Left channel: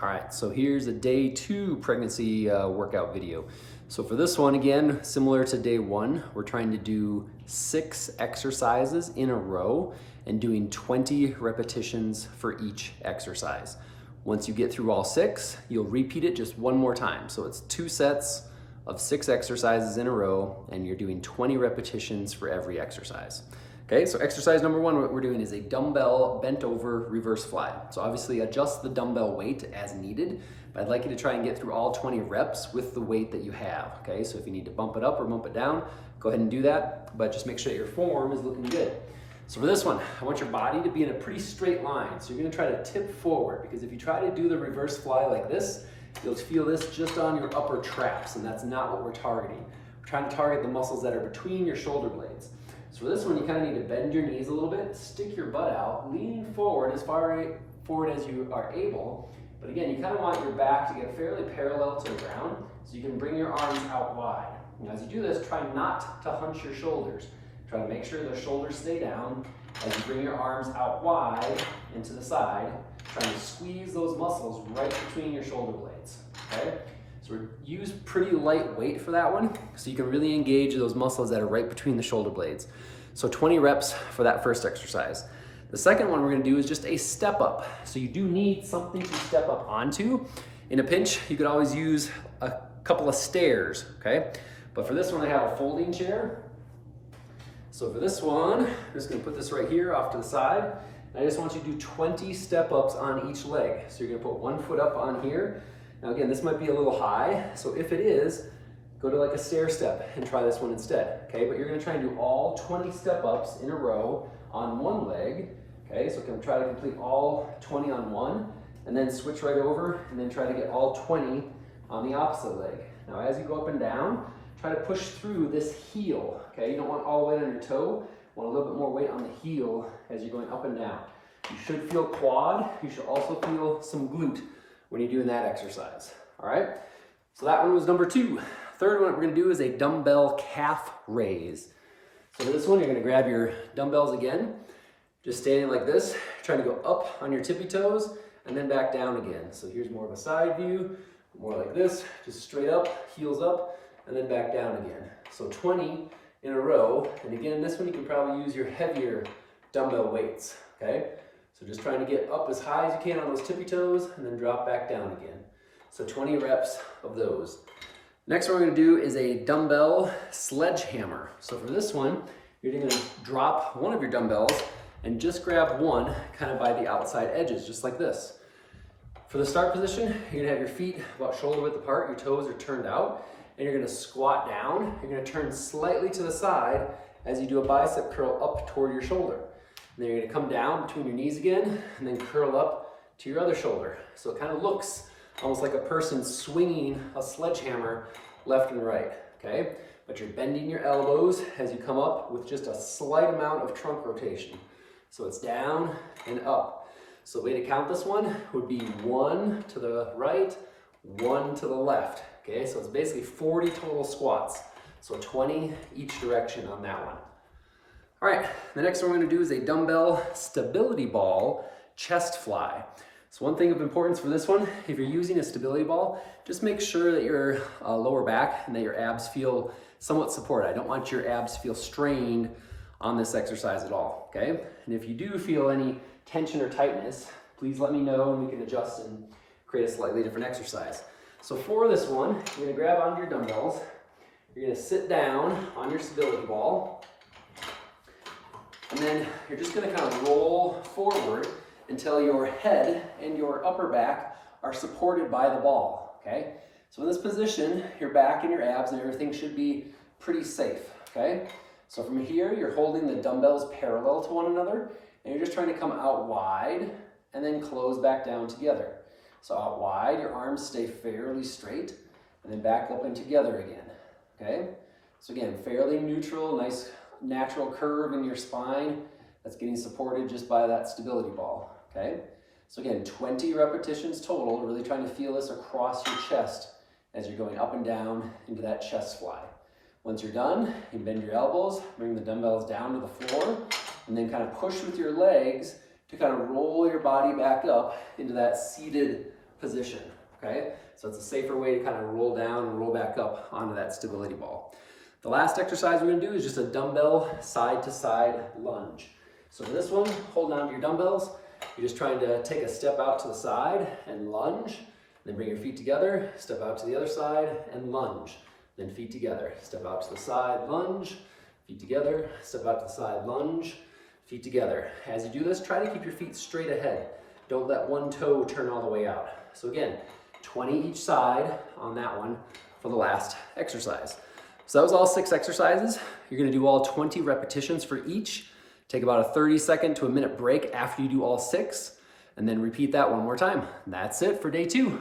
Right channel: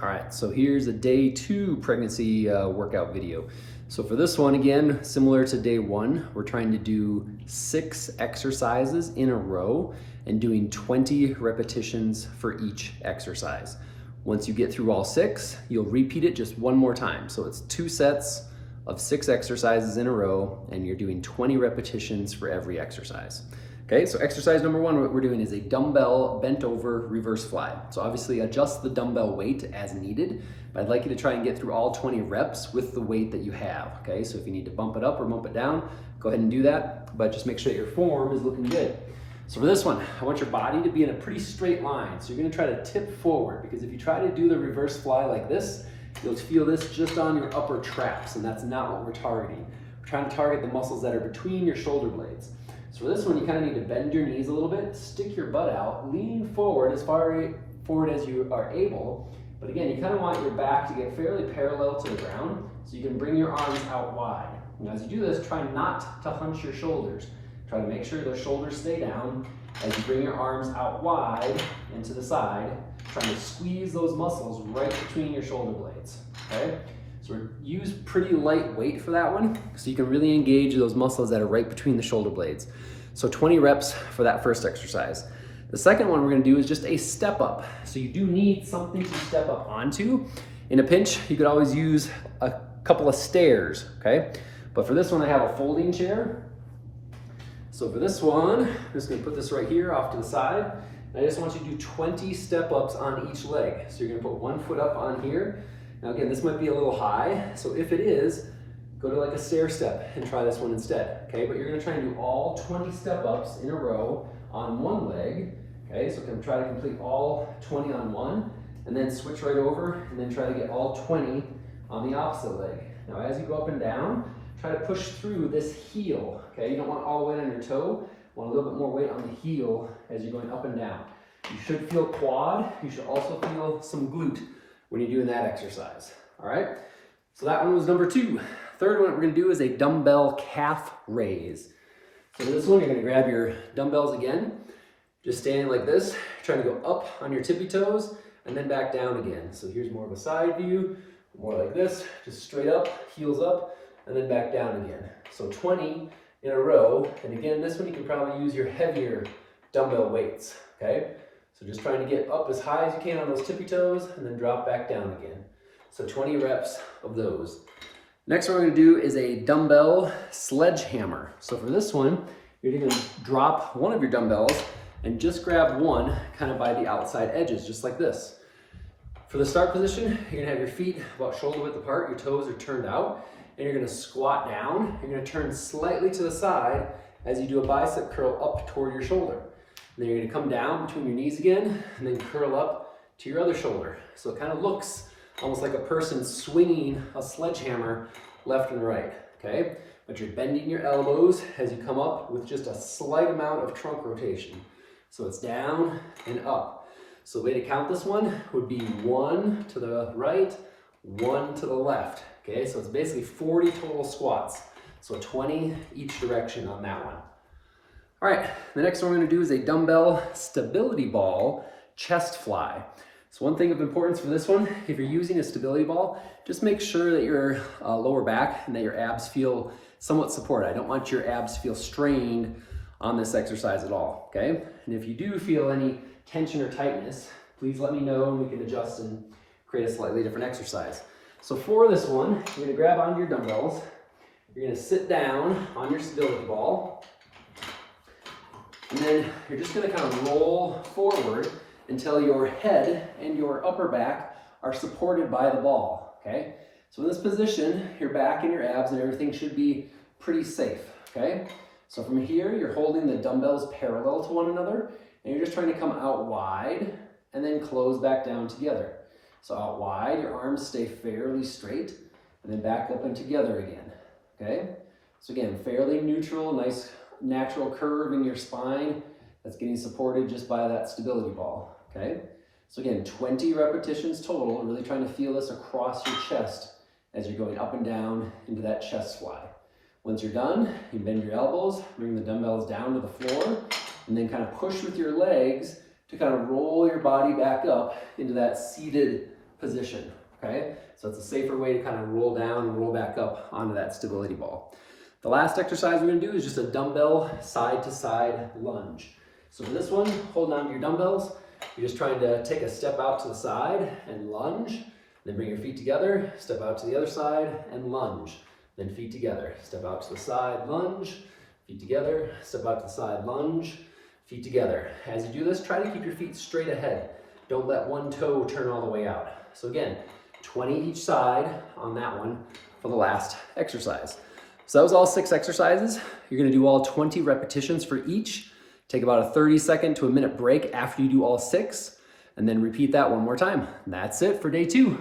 All right, so here's a day 2 pregnancy workout video. So for this one, again, similar to day 1, we're trying to do 6 exercises in a row and doing 20 repetitions for each exercise. Once you get through all 6, you'll repeat it just one more time. So it's 2 sets of 6 exercises in a row, and you're doing 20 repetitions for every exercise. Okay, so exercise number 1, what we're doing is a dumbbell bent over reverse fly. So obviously adjust the dumbbell weight as needed, but I'd like you to try and get through all 20 reps with the weight that you have. Okay, so if you need to bump it up or bump it down, go ahead and do that, but just make sure that your form is looking good. So for this one, I want your body to be in a pretty straight line. So you're gonna try to tip forward, because if you try to do the reverse fly like this, you'll feel this just on your upper traps, and that's not what we're targeting. We're trying to target the muscles that are between your shoulder blades. So for this one, you kind of need to bend your knees a little bit, stick your butt out, lean forward as far forward as you are able. But again, you kind of want your back to get fairly parallel to the ground, so you can bring your arms out wide. And as you do this, try not to hunch your shoulders. Try to make sure those shoulders stay down as you bring your arms out wide and to the side, trying to squeeze those muscles right between your shoulder blades, okay? So use pretty light weight for that one, so you can really engage those muscles that are right between the shoulder blades. So 20 reps for that first exercise. The second one we're gonna do is just a step up. So you do need something to step up onto. In a pinch, you could always use a couple of stairs, okay? But for this one, I have a folding chair. So for this one, I'm just gonna put this right here off to the side. I just want you to do 20 step ups on each leg. So you're gonna put one foot up on here. Now again, this might be a little high, so if it is, go to like a stair step and try this one instead, okay? But you're gonna try and do all 20 step ups in a row on one leg, okay? So try to complete all 20 on one, and then switch right over, and then try to get all 20 on the opposite leg. Now as you go up and down, try to push through this heel, okay? You don't want all the weight on your toe, you want a little bit more weight on the heel as you're going up and down. You should feel quad, you should also feel some glute when you're doing that exercise, all right? So that one was number 2. Third one we're gonna do is a dumbbell calf raise. So for this one, you're gonna grab your dumbbells again, just standing like this, trying to go up on your tippy toes, and then back down again. So here's more of a side view, more like this, just straight up, heels up, and then back down again. So 20 in a row, and again, this one you can probably use your heavier dumbbell weights, okay? So just trying to get up as high as you can on those tippy toes and then drop back down again. So 20 reps of those. Next one we're gonna do is a dumbbell sledgehammer. So for this one, you're gonna drop one of your dumbbells and just grab one kind of by the outside edges, just like this. For the start position, you're gonna have your feet about shoulder width apart, your toes are turned out, and you're gonna squat down. You're gonna turn slightly to the side as you do a bicep curl up toward your shoulder. And then you're gonna come down between your knees again, and then curl up to your other shoulder. So it kind of looks almost like a person swinging a sledgehammer left and right, okay? But you're bending your elbows as you come up with just a slight amount of trunk rotation. So it's down and up. So the way to count this one would be 1 to the right, 1 to the left, okay? So it's basically 40 total squats. So 20 each direction on that one. All right, the next one we're gonna do is a dumbbell stability ball chest fly. So one thing of importance for this one, if you're using a stability ball, just make sure that your lower back and that your abs feel somewhat supported. I don't want your abs to feel strained on this exercise at all, okay? And if you do feel any tension or tightness, please let me know and we can adjust and create a slightly different exercise. So for this one, you're gonna grab onto your dumbbells, you're gonna sit down on your stability ball, and then you're just gonna kind of roll forward until your head and your upper back are supported by the ball, okay? So in this position, your back and your abs and everything should be pretty safe, okay? So from here, you're holding the dumbbells parallel to one another, and you're just trying to come out wide and then close back down together. So out wide, your arms stay fairly straight, and then back up and together again, okay? So again, fairly neutral, nice natural curve in your spine that's getting supported just by that stability ball, okay? So again, 20 repetitions total, really trying to feel this across your chest as you're going up and down into that chest fly. Once you're done, you bend your elbows, bring the dumbbells down to the floor, and then kind of push with your legs to kind of roll your body back up into that seated position, okay? So it's a safer way to kind of roll down and roll back up onto that stability ball. The last exercise we're gonna do is just a dumbbell side to side lunge. So for this one, holding on to your dumbbells, you're just trying to take a step out to the side and lunge, then bring your feet together, step out to the other side and lunge, then feet together, step out to the side, lunge, feet together, step out to the side, lunge, feet together. As you do this, try to keep your feet straight ahead. Don't let one toe turn all the way out. So again, 20 each side on that one for the last exercise. So that was all 6 exercises. You're gonna do all 20 repetitions for each. Take about a 30-second to a minute break after you do all 6, and then repeat that one more time. That's it for day 2.